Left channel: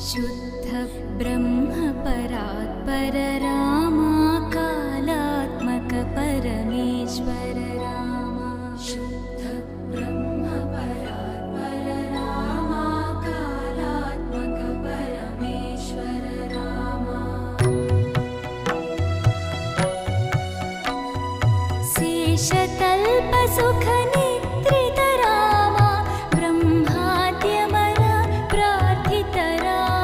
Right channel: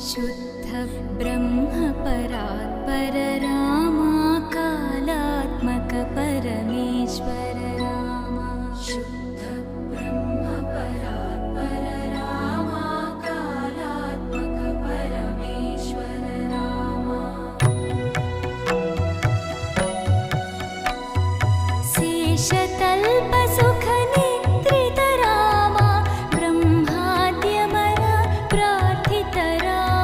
शुद्ध ब्रह्म परात्पर रामा कालात्मक परमेश्वर रामा शुद्ध ब्रह्म परात्पर रामा कालात्मक परमेश्वर रामा शेषतल्प सुख निद्रित रामा ब्रह्माद्यमर प्रार्थित रामा